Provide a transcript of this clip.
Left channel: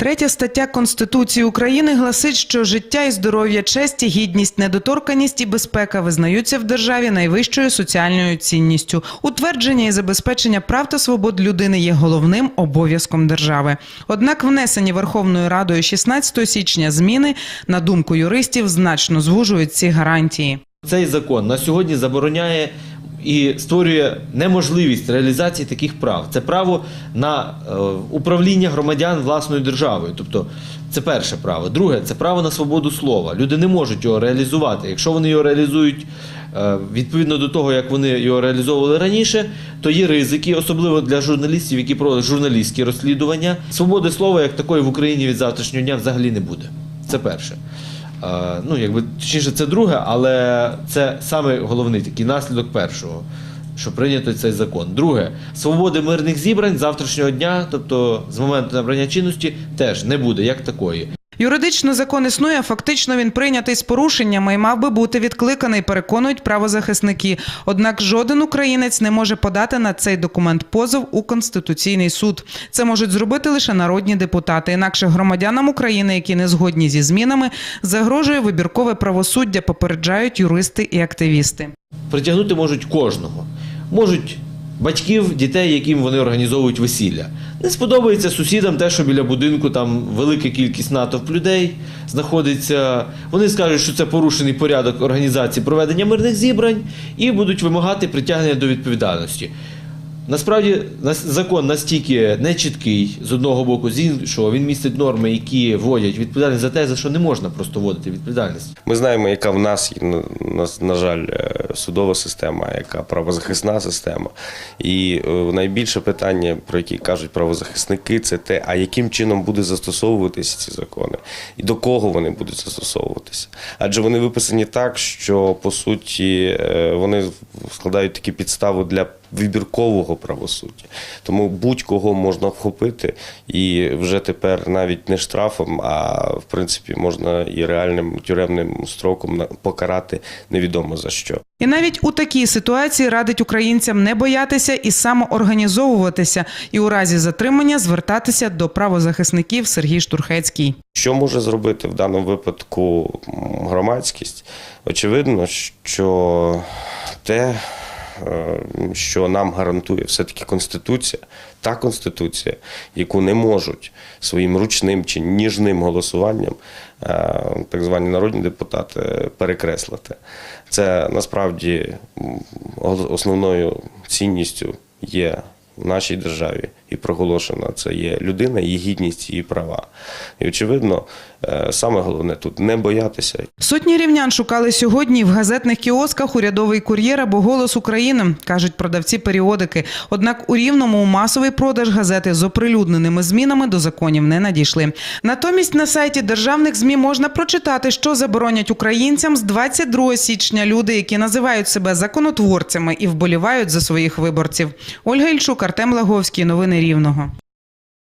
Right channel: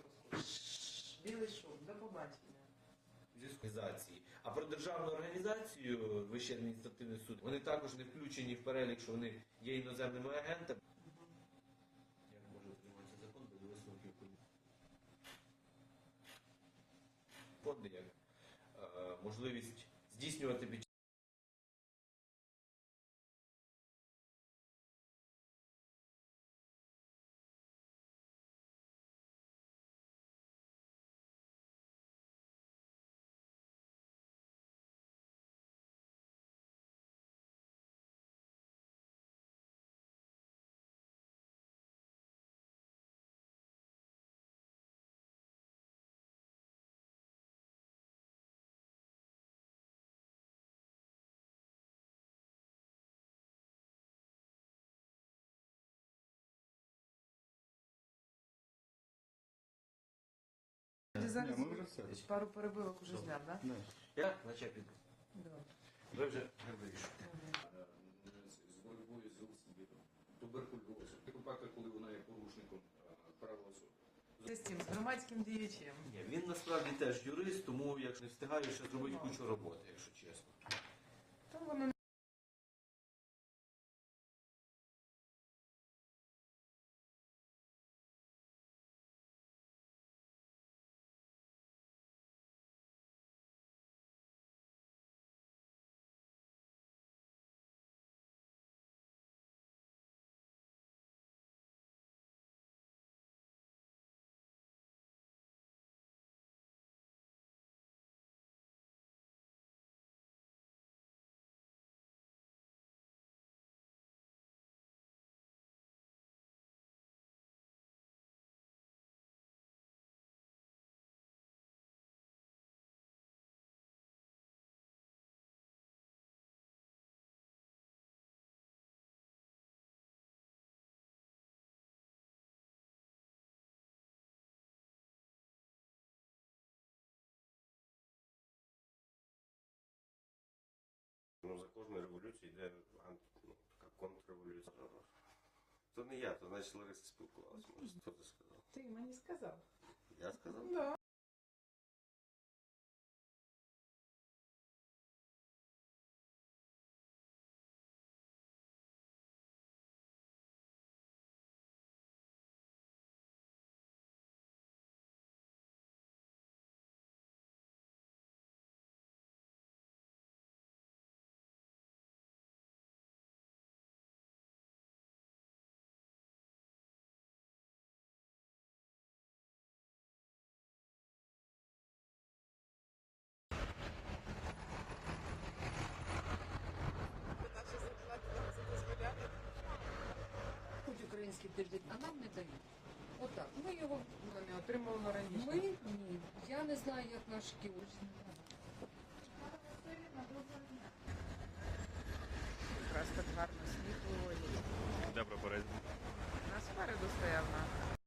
Третя стаття Конституції України гласить, що життя і здоров'я, честь, і гідність, недоторканість і безпека визнаються в державі найвищою соціальною цінністю. Утвердження і забезпечення прав та свобод людини є головним обов'язком держави. Однак внесені Верховною Радою 16 січня зміни, на думку юристів, значно звужують ці гарантії. Цей закон на сьогодні забороняє і створює неможливість реалізації таких прав. Це право на е, управління громадян власною державою. Тобто, це перше право. Друге, це право на свободу слова. Люди не можуть його реалізувати. Якщо вони його реалізують е, відповідно до того, як вони його реалізовували раніше, то є ризики, особливо для журналістів, які проводять журналістські розслідування. Свободи слова як такої в Україні від завтрашнього дня взагалі не буде. Це перше. Е, Ну, якби точніше, це друге, але це саме головний такий наслідок першого, що прийнято цей закон. Друге, свободи мирних зібрань завтрашнього дня, тобто з моменту набрання чинності, теж не буде як такої. Юридично закон існує, фактично він прийнятий з порушеннями і мав би бути відкликаний, переконують правозахисники. Однак жоден українець не може подати на цей документ позов у конституційний суд. Це можуть зробити лише народні депутати. Інакше громадянам України, які не згодні зі змінами, загрожує вибіркове правосуддя. Попереджають юристи і активісти. Притягнути можуть кожного. Можуть батьків, дітей, яким вони організовують весілля. Не сподобається сусідам те, що біля будинку там велика кількість натовп людей знаходиться. Вони скажуть, що це порушений порядок організації проведення мирних зібрань і будуть вимагати притягнення до відповідальності. Насправді закон настільки нечіткий з одного боку, з іншого він містить норми, які вводять відповідальність за те, за що не можна просто вводити відповідальність. Ми знаємо, яка в нас на, жаль, е, судова система, яка правозахисна система. І е, найбільше питання, про які кажуть правозахисники, це те, а яким чином буде застосовуватися ці закони, і до кого вони будуть застосовуватися. Адже вони виписані так, що по суті е, вони складають такі підстави для вибіркового правосуддя. Тому будь-кого можна вхопити і вже тепер навіть не штрафом, а в принципі можна і реальним тюремним строком покарати невідомо за що. І навіть у такій ситуації радить українцям не боятися і самоорганізовуватися, і у разі затримання звертатися до правозахисників Сергій Штурхецький. Що може зробити в даному випадку громадськість? Очевидно, що те, що нам гарантує все-таки Конституція, та Конституція, яку не можуть своїм ручним чи ніжним голосуванням е, так звані народні депутати перекреслити. Це насправді основною цінністю є в нашій державі і проголошена це є людина, її гідність, її права. І очевидно, е, саме головне тут не боятися Сотні рівнян шукали сьогодні в газетних кіосках урядовий кур'єр або голос України, кажуть продавці періодики. Однак у рівному масовий продаж газети з оприлюдненими змінами до законів не надійшли. Натомість на сайті державних змі можна прочитати, що заборонять українцям з 22 січня люди, які називають себе законотворцями і вболівають за своїх виборців. Ольга Ільчук, Артем Лаговський. Новини Рівного.